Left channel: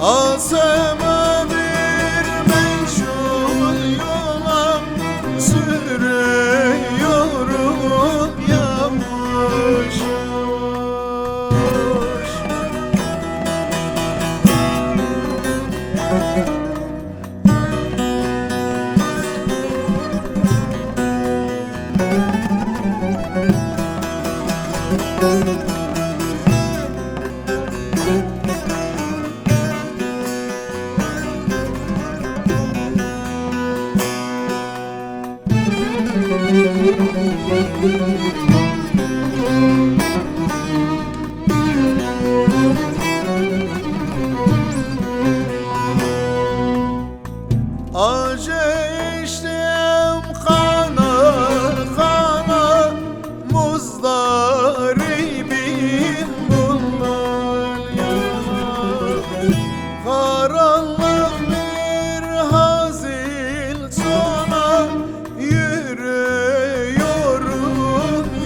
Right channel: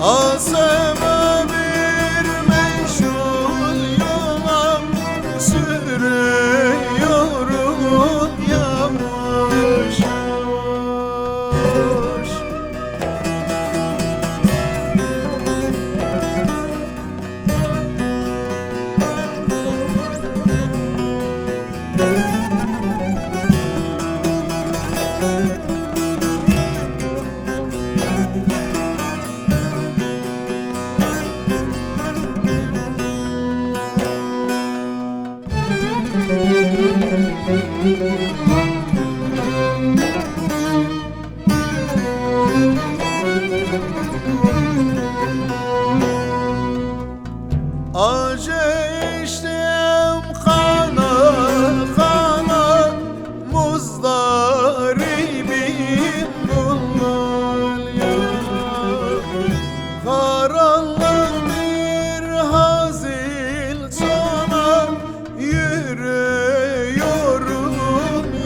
Asama bir meşhur yola sürüyorum yavaş yavaş. Acı içtim kana kana, muzdaribim bunlar yana. Karanlık bir hazin sona yürüyorum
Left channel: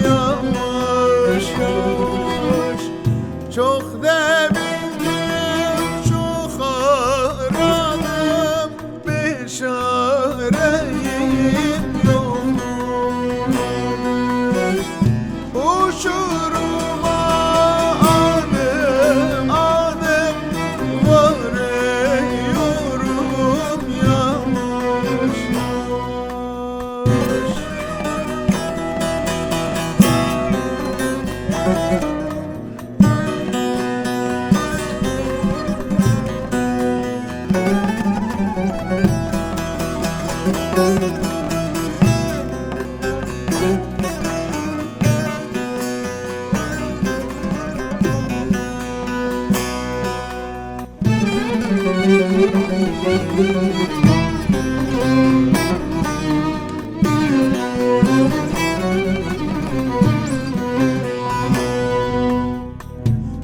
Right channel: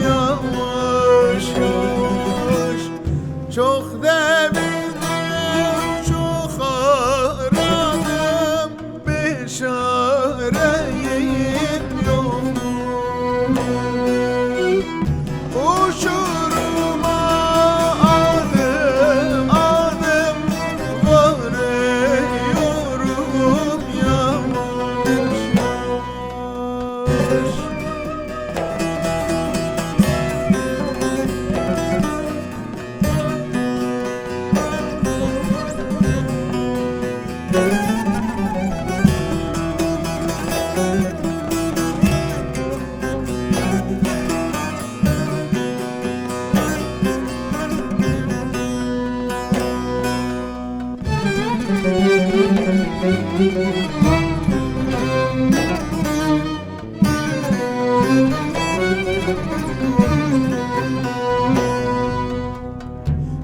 yavaş yavaş. Çok devindim, çok aradım, çareyim yok. Uçuruma adım adım varıyorum yavaş yavaş.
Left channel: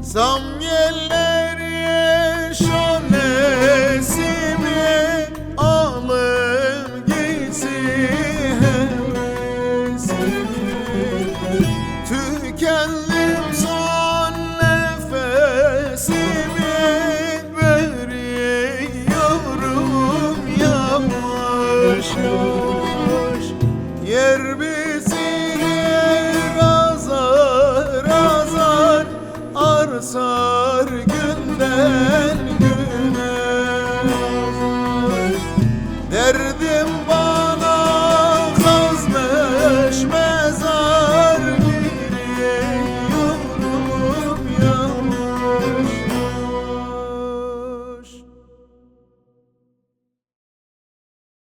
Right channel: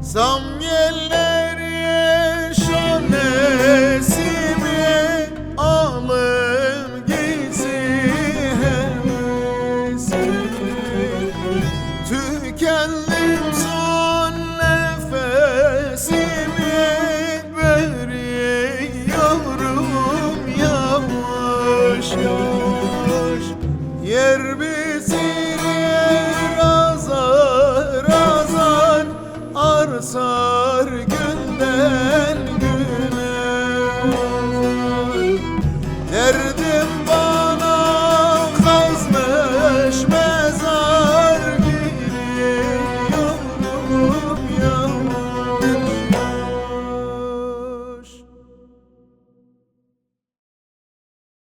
Zam yerleri şanesimi alır gitsin hevesimi. Tükendim son nefesimi veriyorum yavaş yavaş.